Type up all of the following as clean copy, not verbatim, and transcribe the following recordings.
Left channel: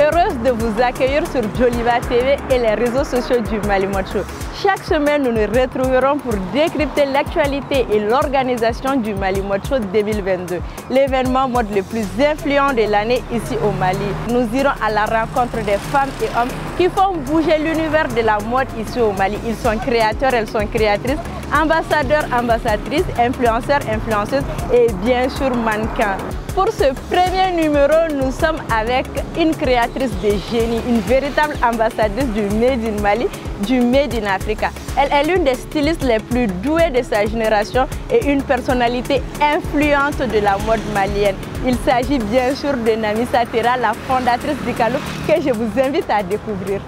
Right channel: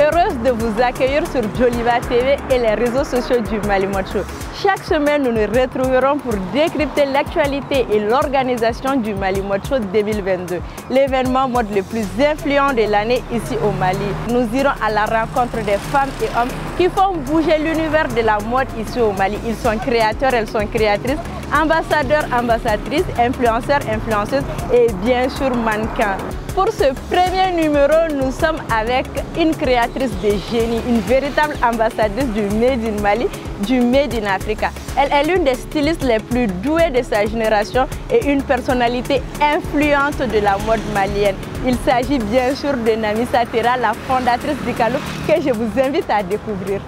heureuse de vous accueillir sur Joliba TV et les réseaux sociaux du Mali Mode Show. Chaque semaine, nous nous retrouverons pour décrypter l'actualité et l'organisation du Mali Mode Show 2022, l'événement mode le plus influent de l'année ici au Mali. Nous irons à la rencontre des femmes et hommes qui font bouger l'univers de la mode ici au Mali. Ils sont créateurs, elles sont créatrices, ambassadeurs, ambassadrices, influenceurs, influenceuses et bien sûr mannequins. Pour ce premier numéro, nous sommes avec une créatrice de génie, une véritable ambassadrice du Made in Mali, du Made in Africa. Elle est l'une des stylistes les plus douées de sa génération et une personnalité influente de la mode malienne. Il s'agit bien sûr de Namissa Terra, la fondatrice d'Ikaalook, que je vous invite à découvrir.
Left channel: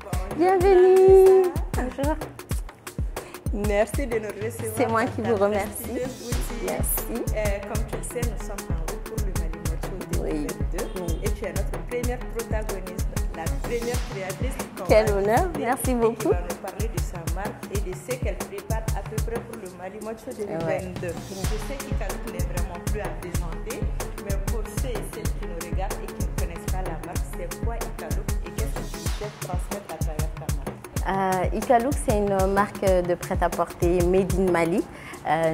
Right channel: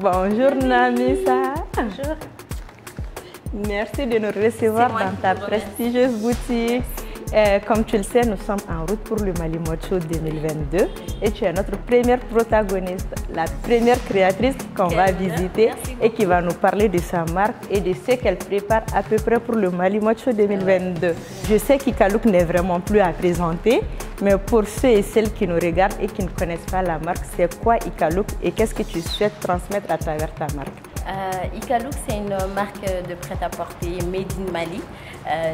Bonjour Namissa. Bonjour. Merci de nous recevoir dans ta prestigieuse boutique. Comme tu le sais, nous sommes en route pour le Mali Mode Show 2022 et tu es notre première protagoniste, la première créatrice qu'on va visiter et qui va nous parler de sa marque et de ce qu'elle prépare à peu près pour le Mali Mode Show 2022. Je sais qu'Ikaalook n'est vraiment plus à présenter, mais pour ceux et celles qui nous regardent et qui ne connaissent pas la marque, c'est quoi Ikaalook et qu'est-ce que tu souhaites transmettre à travers ta marque? Ikaalook, c'est une marque de prêt-à-porter Made in Mali.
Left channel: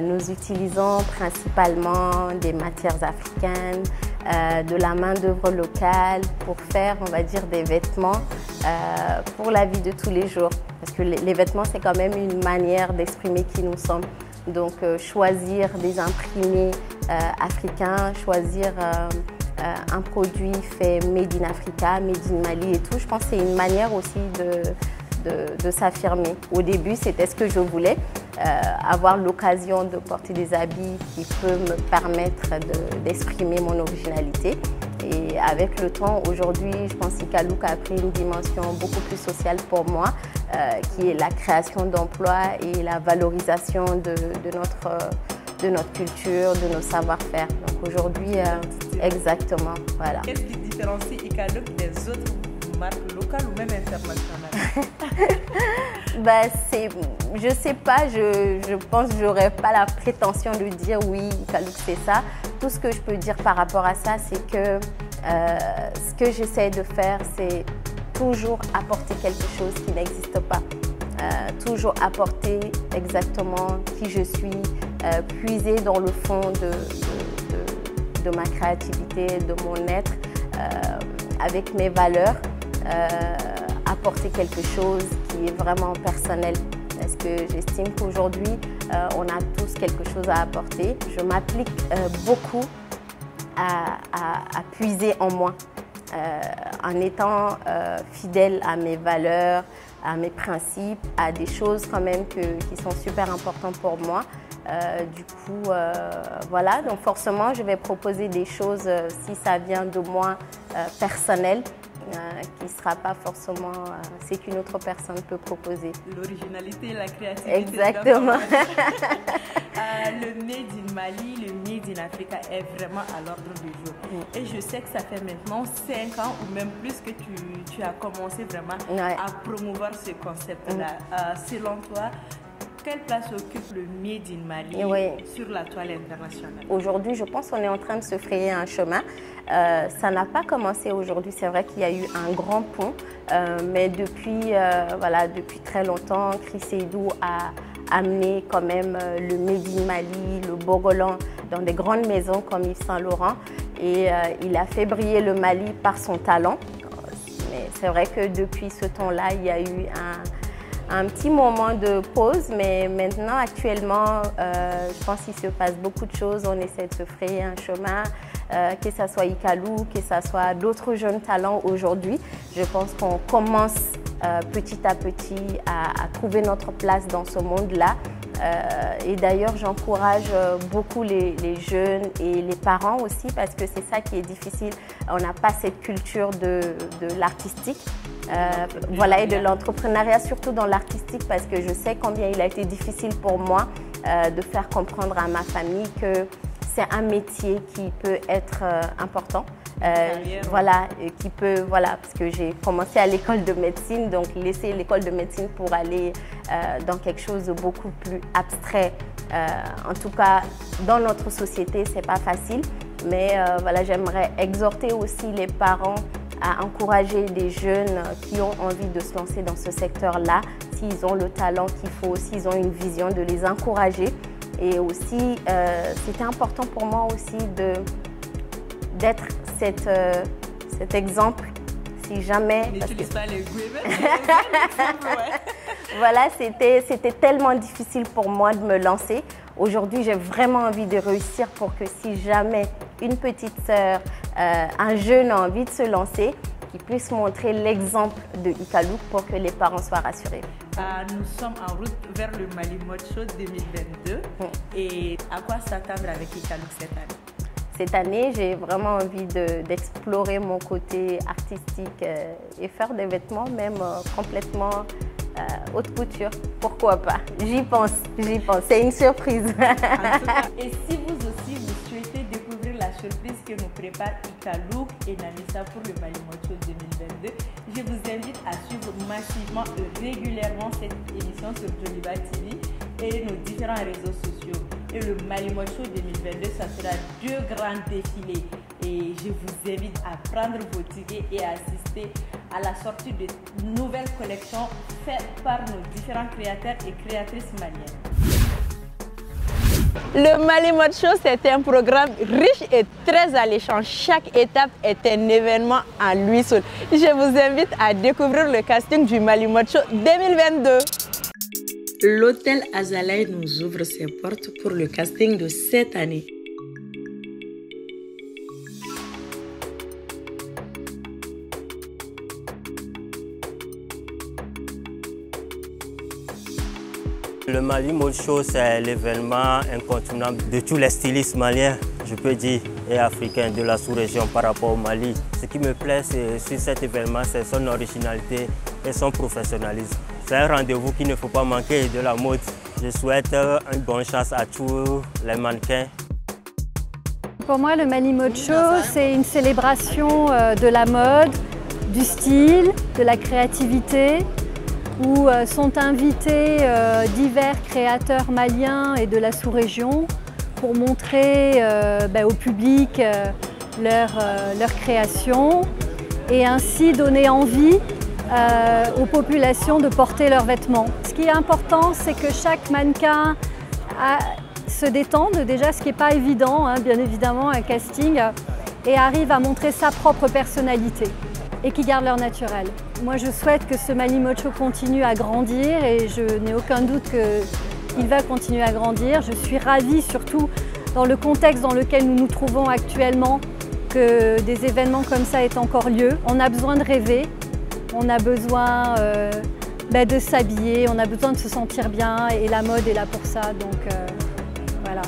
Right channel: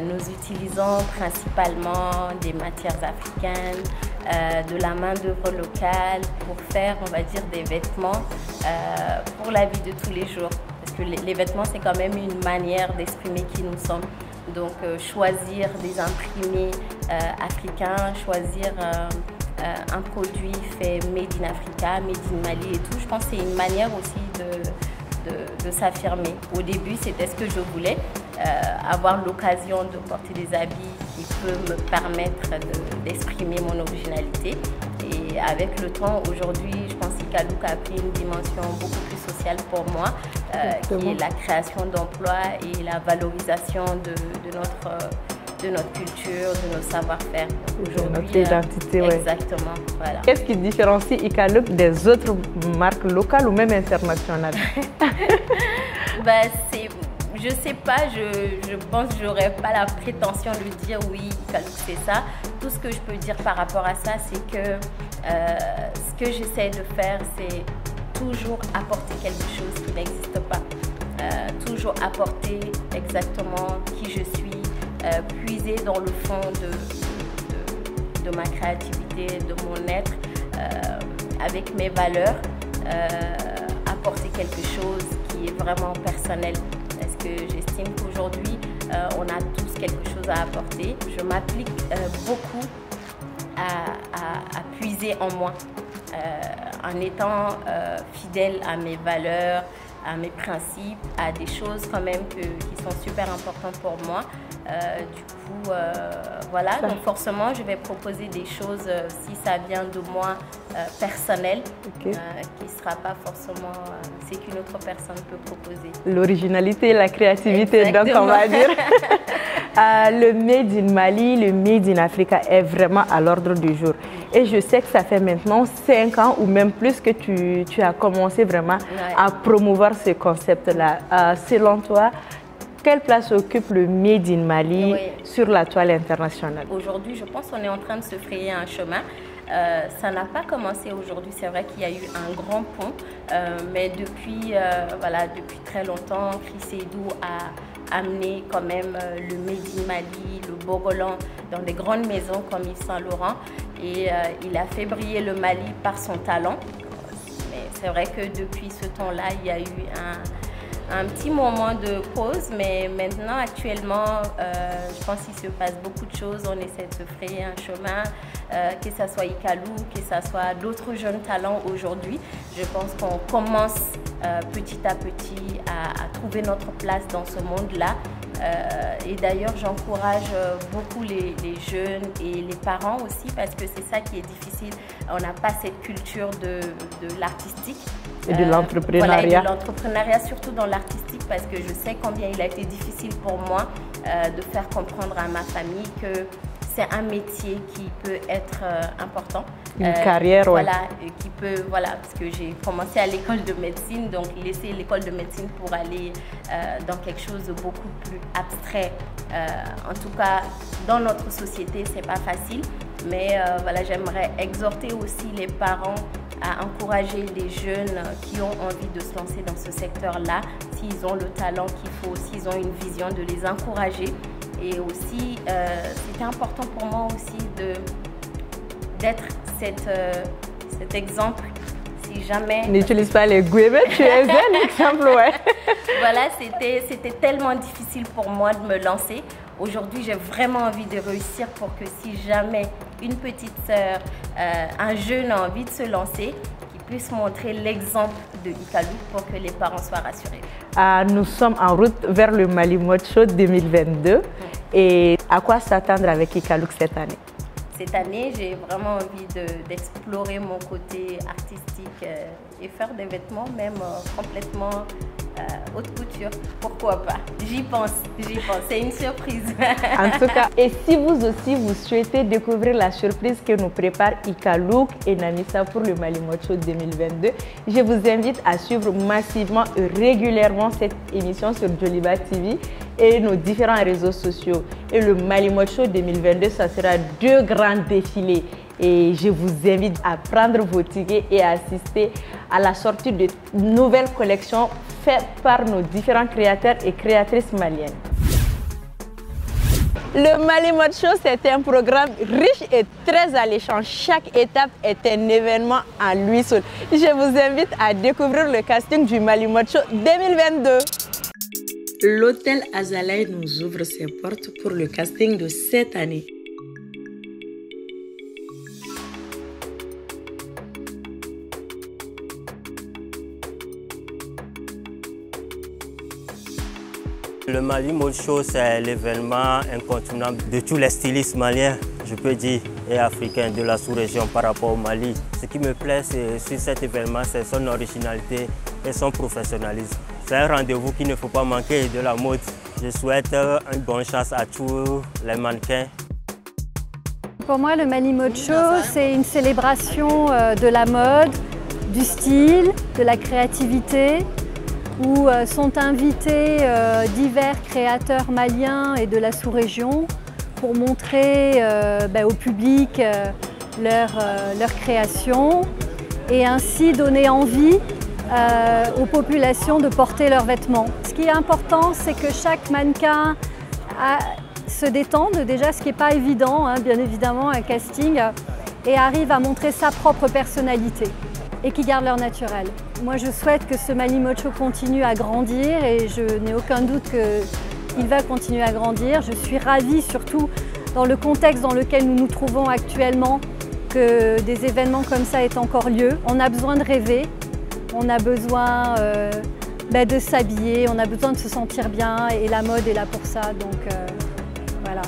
Nous utilisons principalement des matières africaines, de la main-d'œuvre locale pour faire, on va dire, des vêtements pour la vie de tous les jours. Parce que les vêtements, c'est quand même une manière d'exprimer qui nous sommes. Donc, choisir des imprimés africains, choisir un produit fait Made in Africa, Made in Mali et tout, je pense que c'est une manière aussi de s'affirmer. Au début, c'était ce que je voulais, avoir l'occasion de porter des habits qui peuvent me permettre d'exprimer mon originalité. Et avec le temps, aujourd'hui, je pense qu'Ikaalook a pris une dimension beaucoup plus sociale pour moi, qui est la création d'emplois et la valorisation de notre culture, de notre savoir-faire. Aujourd'hui, exactement. Voilà. Qu'est-ce qui différencie Ikaalook des autres marques locales ou même internationales? Je sais pas, je pense que j'aurais pas la prétention de dire oui, Ikaalook c'est ça. Tout ce que je peux dire par rapport à ça, c'est que ce que j'essaie de faire, c'est toujours apporter quelque chose qui n'existe pas. Toujours apporter exactement qui je suis, puiser dans le fond de ma créativité, de mon être, avec mes valeurs, apporter quelque chose qui est vraiment personnel. Parce que j'estime qu'aujourd'hui, on a tous quelque chose à apporter. Je m'applique beaucoup à puiser en moi, en étant fidèle à mes valeurs, à mes principes, à des choses quand même qui sont super importantes pour moi. Du coup, voilà, donc forcément, je vais proposer des choses, si ça vient de moi, personnel, qui ne sera pas forcément ce qu'une autre personne peut proposer. L'originalité, la créativité, donc on va dire. Le Made in Mali, le Made in Africa est vraiment à l'ordre du jour. Et je sais que ça fait maintenant 5 ans ou même plus que tu as commencé vraiment à promouvoir ce concept-là. Selon toi, quelle place occupe le Made in Mali sur la toile internationale? Aujourd'hui, je pense qu'on est en train de se frayer un chemin. Ça n'a pas commencé aujourd'hui, c'est vrai qu'il y a eu un grand pont, mais depuis très longtemps, Chris Seydou a amené quand même le Made in Mali, le Bogolan dans des grandes maisons comme Yves Saint Laurent et il a fait briller le Mali par son talent. C'est vrai que depuis ce temps-là, il y a eu un petit moment de pause, mais maintenant, actuellement, je pense qu'il se passe beaucoup de choses. On essaie de se frayer un chemin, que ce soit Ikaalook, que ce soit d'autres jeunes talents aujourd'hui. Je pense qu'on commence petit à petit à trouver notre place dans ce monde-là. Et d'ailleurs, j'encourage beaucoup les jeunes et les parents aussi parce que c'est ça qui est difficile. On n'a pas cette culture de l'artistique. Et de l'entrepreneuriat. Voilà, et de l'entrepreneuriat, surtout dans l'artistique parce que je sais combien il a été difficile pour moi de faire comprendre à ma famille que c'est un métier qui peut être important. Une carrière, voilà, qui peut, voilà, parce que j'ai commencé à l'école de médecine, donc laisser l'école de médecine pour aller dans quelque chose de beaucoup plus abstrait. En tout cas, dans notre société, c'est pas facile. Mais voilà, j'aimerais exhorter aussi les parents à encourager les jeunes qui ont envie de se lancer dans ce secteur-là, s'ils ont le talent qu'il faut, s'ils ont une vision, de les encourager. Et aussi, c'était important pour moi aussi d'être cet exemple. Si jamais... N'utilise pas les guillemets, tu es un exemple, ouais. Voilà, c'était tellement difficile pour moi de me lancer. Aujourd'hui, j'ai vraiment envie de réussir pour que si jamais une petite sœur, un jeune a envie de se lancer, qu'il puisse montrer l'exemple de Icalouk pour que les parents soient rassurés. Nous sommes en route vers le Mali Mode Show 2022. Et à quoi s'attendre avec Icalouk cette année? Cette année, j'ai vraiment envie d'explorer mon côté artistique et faire des vêtements même complètement haute couture. Pourquoi pas? J'y pense. C'est une surprise. En tout cas, et si vous aussi vous souhaitez découvrir la surprise que nous prépare Icalouk et Namissa pour le Mali Mode Show 2022, je vous invite à suivre massivement et régulièrement cette émission sur Joliba TV et nos différents réseaux sociaux. Et le Mali Mode Show 2022, ça sera 2 grands défilés. Et je vous invite à prendre vos tickets et à assister à la sortie de nouvelles collections faites par nos différents créateurs et créatrices maliennes. Le Mali Mode Show, c'est un programme riche et très alléchant. Chaque étape est un événement en lui seul. Je vous invite à découvrir le casting du Mali Mode Show 2022. L'hôtel Azalai nous ouvre ses portes pour le casting de cette année. Le Mali Mode Show, c'est l'événement incontournable de tous les stylistes maliens, je peux dire, et africains de la sous-région par rapport au Mali. Ce qui me plaît sur cet événement, c'est son originalité et son professionnalisme. C'est un rendez-vous qu'il ne faut pas manquer de la mode. Je souhaite une bonne chance à tous les mannequins. Pour moi, le Mali Mode Show, c'est une célébration de la mode, du style, de la créativité, où sont invités divers créateurs maliens et de la sous-région pour montrer au public leur création et ainsi donner envie aux populations de porter leurs vêtements. Ce qui est important, c'est que chaque mannequin se détende, déjà ce qui n'est pas évident, bien évidemment, un casting, et arrive à montrer sa propre personnalité et qui garde leur naturel. Moi, je souhaite que ce Mali Mode Show continue à grandir et je n'ai aucun doute qu'il va continuer à grandir. Je suis ravie, surtout dans le contexte dans lequel nous nous trouvons actuellement, que des événements comme ça aient encore lieu. On a besoin de rêver, on a besoin de s'habiller, on a besoin de se sentir bien et la mode est là pour ça. Donc voilà.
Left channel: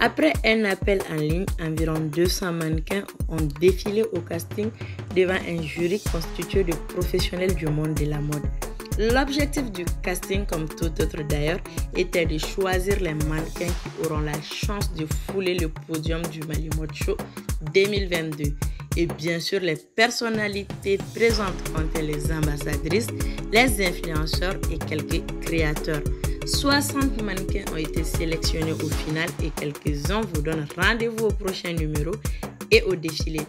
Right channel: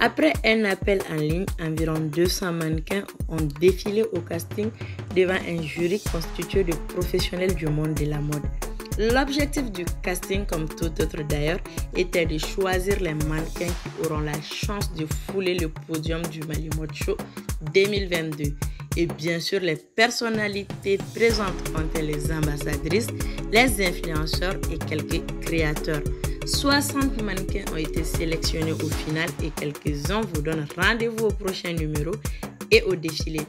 Après un appel en ligne, environ 200 mannequins ont défilé au casting devant un jury constitué de professionnels du monde de la mode. L'objectif du casting, comme tout autre d'ailleurs, était de choisir les mannequins qui auront la chance de fouler le podium du Mali Mode Show 2022. Et bien sûr, les personnalités présentes comptaient les ambassadrices, les influenceurs et quelques créateurs. 60 mannequins ont été sélectionnés au final et quelques-uns vous donnent rendez-vous au prochain numéro et au défilé.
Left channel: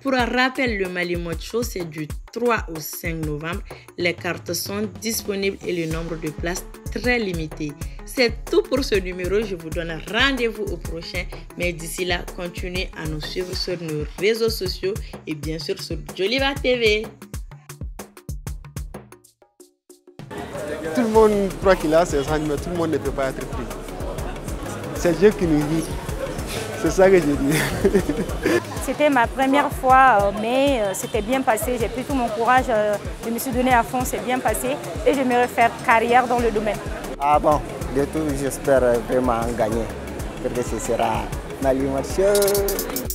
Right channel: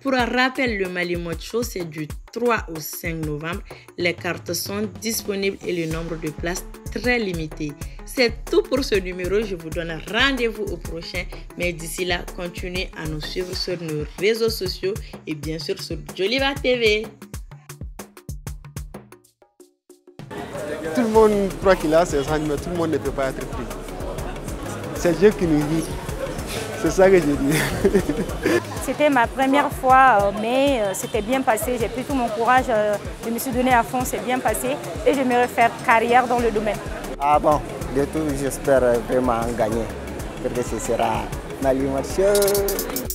Pour un rappel, le Mali Mode Show, c'est du 3 au 5 novembre. Les cartes sont disponibles et le nombre de places très limité. C'est tout pour ce numéro. Je vous donne rendez-vous au prochain. Mais d'ici là, continuez à nous suivre sur nos réseaux sociaux et bien sûr sur Joliba TV. Tout le monde croit qu'il a ses sentiments, tout le monde ne peut pas être pris. C'est Dieu qui nous guide. C'est ça que je dis. C'était ma première fois, mais c'était bien passé. J'ai pris tout mon courage, je me suis donné à fond, c'est bien passé et j'aimerais faire carrière dans le domaine. Ah bon, de tout, j'espère vraiment gagner, parce que ce sera Mali Mode Show.